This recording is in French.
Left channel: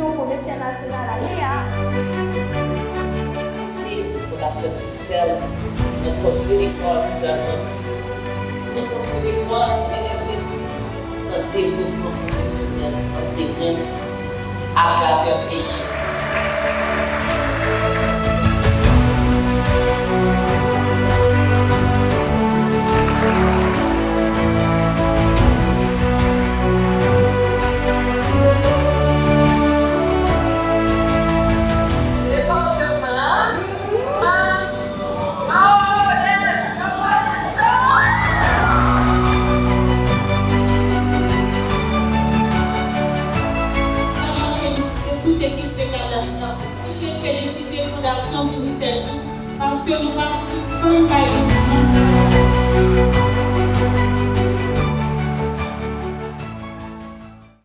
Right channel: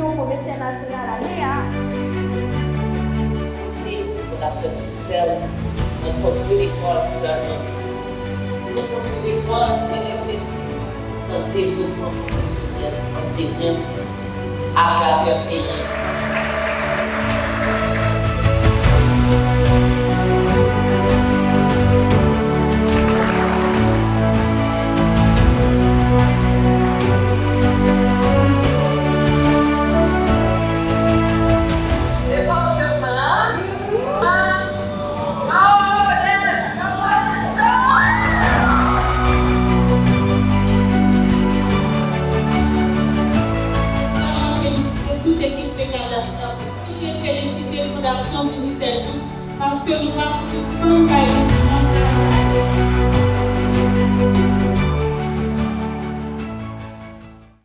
mission pour Médecins National à Léa. On a fait du sel, on a construit l'école seulement. Nous construisons l'école, mais investir dans le développement professionnel enseignant à travers le pays. Toute équipe de Kadashna, féliciter la Fondation Digicel parce que nous ne suspendons pas